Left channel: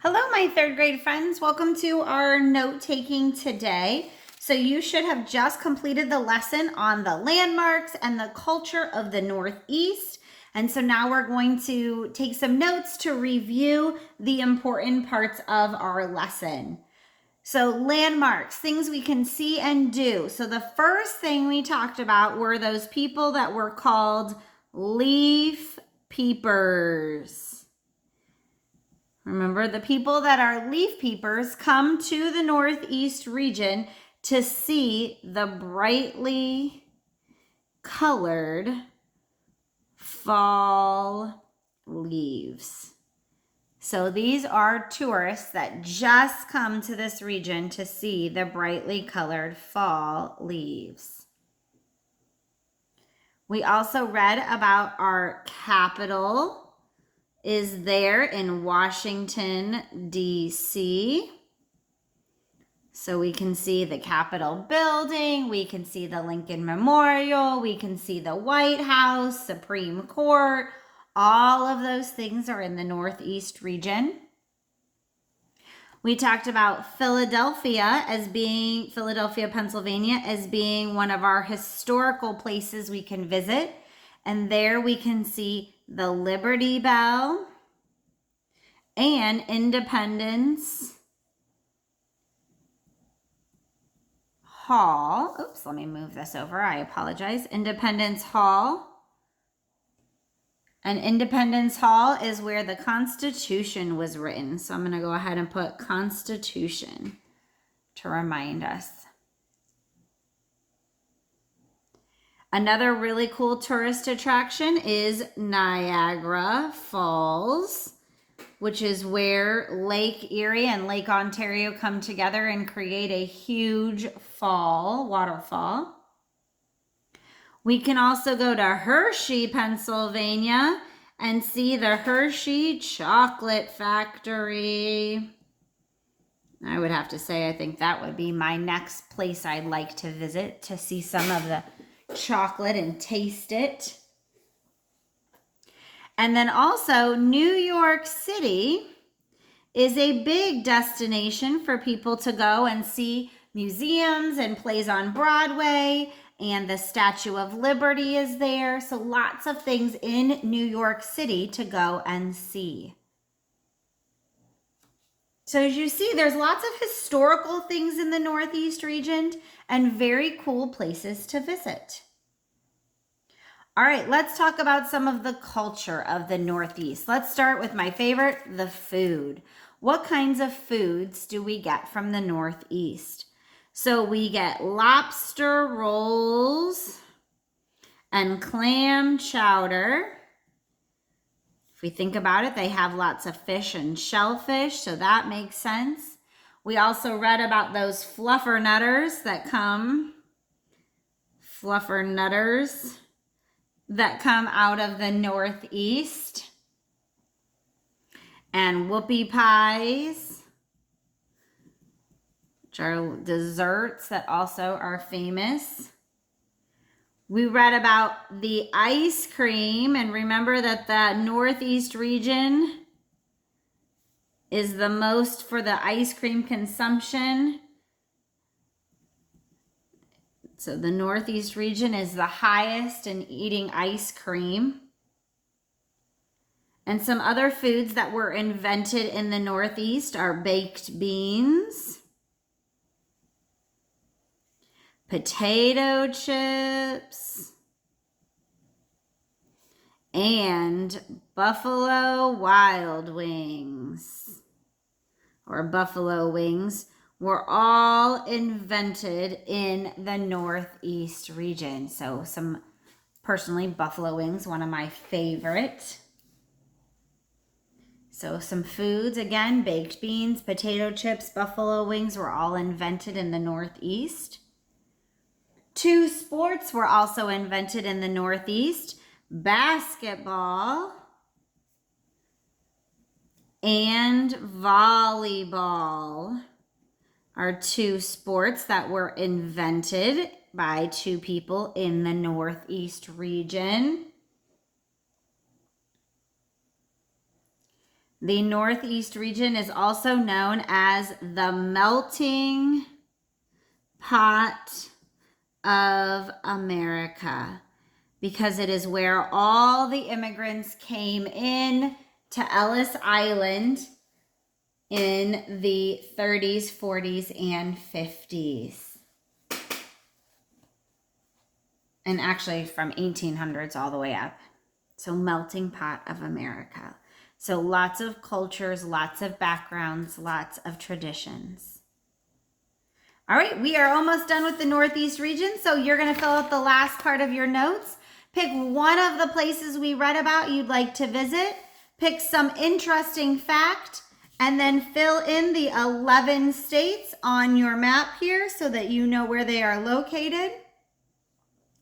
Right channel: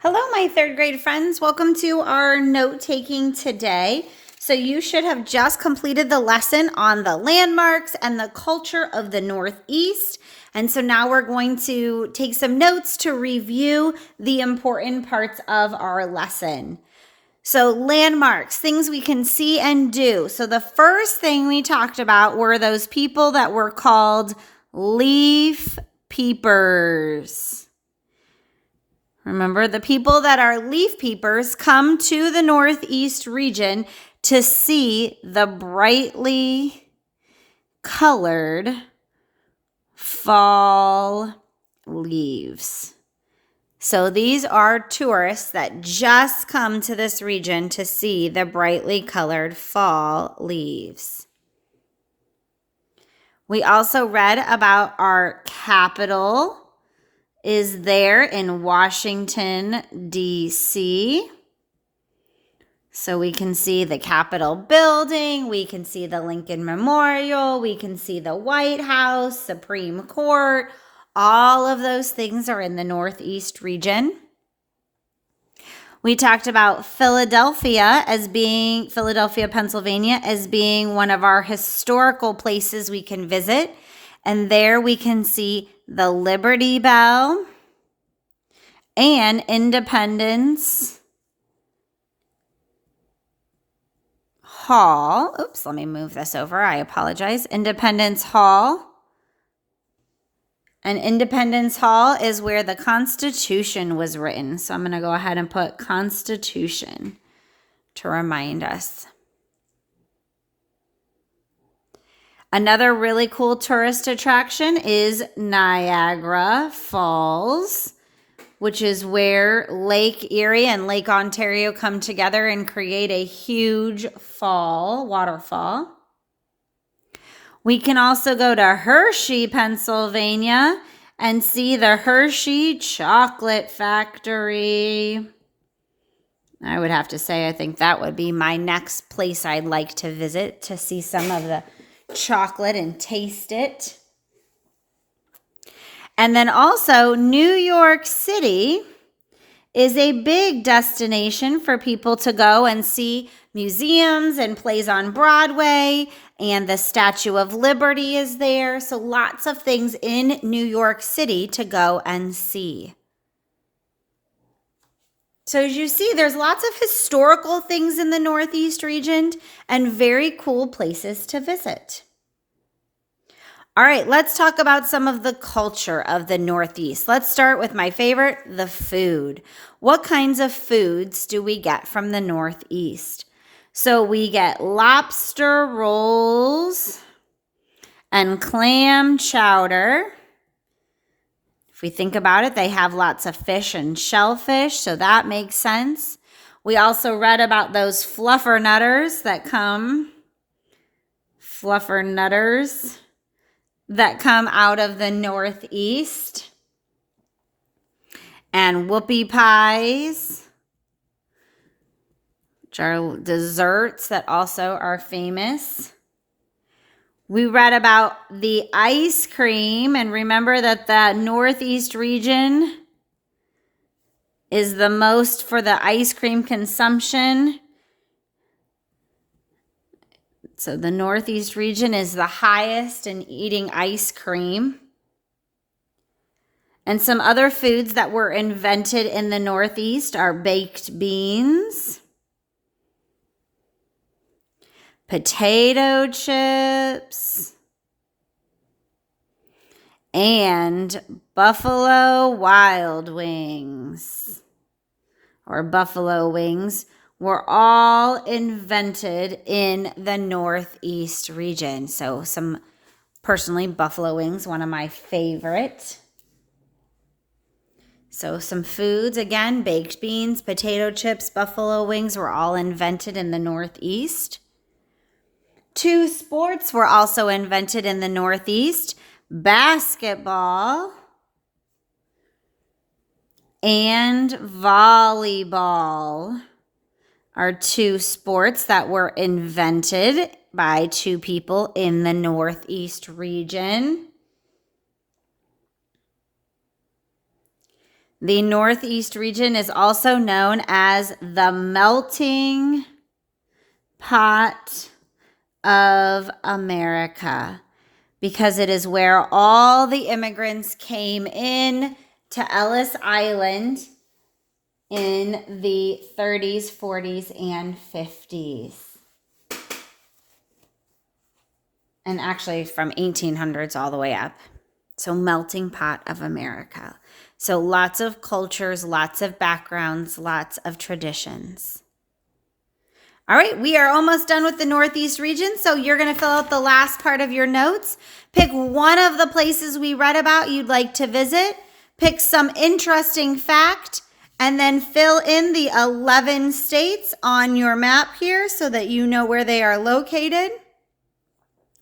Hello, my third grade friends. Welcome to our note taking today. So you should have just completed the lesson on the landmarks and the culture of the Northeast. And so now we're going to take some notes to review the important parts of our lesson. So landmarks, things we can see and do. So the first thing we talked about were those people that were called leaf peepers. Remember, the people that are leaf peepers come to the Northeast region to see the brightly colored fall leaves. So these are tourists that just come to this region to see the brightly colored fall leaves. We also read about our capital is there in Washington, D.C. So we can see the Capitol building, we can see the Lincoln Memorial, we can see the White House, Supreme Court. All of those things are in the Northeast region. We talked about Philadelphia, Pennsylvania, as being one of our historical places we can visit. And there we can see the Liberty Bell and Independence Hall. Oops, let me move this over. I apologize. Independence Hall. And Independence Hall is where the Constitution was written. So I'm going to go ahead and put Constitution to remind us. Another really cool tourist attraction is Niagara Falls, which is where Lake Erie and Lake Ontario come together and create a huge waterfall. We can also go to Hershey, Pennsylvania, and see the Hershey Chocolate Factory. I would have to say, I think that would be my next place I'd like to visit to see some of the chocolate and taste it. And then also New York City is a big destination for people to go and see museums and plays on Broadway, and the Statue of Liberty is there. So lots of things in New York City to go and see. So as you see, there's lots of historical things in the Northeast region and very cool places to visit. All right, let's talk about some of the culture of the Northeast. Let's start with my favorite, the food. What kinds of foods do we get from the Northeast? So we get lobster rolls and clam chowder. If we think about it, they have lots of fish and shellfish, so that makes sense. We also read about those fluffernutters that come out of the Northeast. And whoopie pies, which are desserts that also are famous. We read about the ice cream, and remember that the Northeast region is the most for the ice cream consumption. So the Northeast region is the highest in eating ice cream. And some other foods that were invented in the Northeast are baked beans, potato chips, and Buffalo Wild Wings, or buffalo wings, were all invented in the Northeast region. So personally, buffalo wings, one of my favorite. So some foods, again, baked beans, potato chips, buffalo wings were all invented in the Northeast. 2 sports were also invented in the Northeast: basketball and volleyball are 2 sports that were invented by 2 people in the Northeast region. The Northeast region is also known as the melting pot of America because it is where all the immigrants came in to Ellis Island in the 30s, 40s, and 50s. And actually from 1800s all the way up. So melting pot of America. So lots of cultures, lots of backgrounds, lots of traditions. All right, we are almost done with the Northeast region. So you're going to fill out the last part of your notes. Pick one of the places we read about you'd like to visit. Pick some interesting fact and then fill in the 11 states on your map here so that you know where they are located.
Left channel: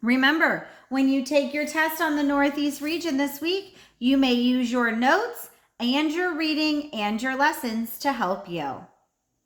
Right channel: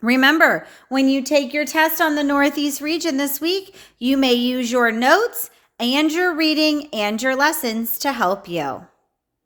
Remember, when you take your test on the Northeast region this week, you may use your notes and your reading and your lessons to help you.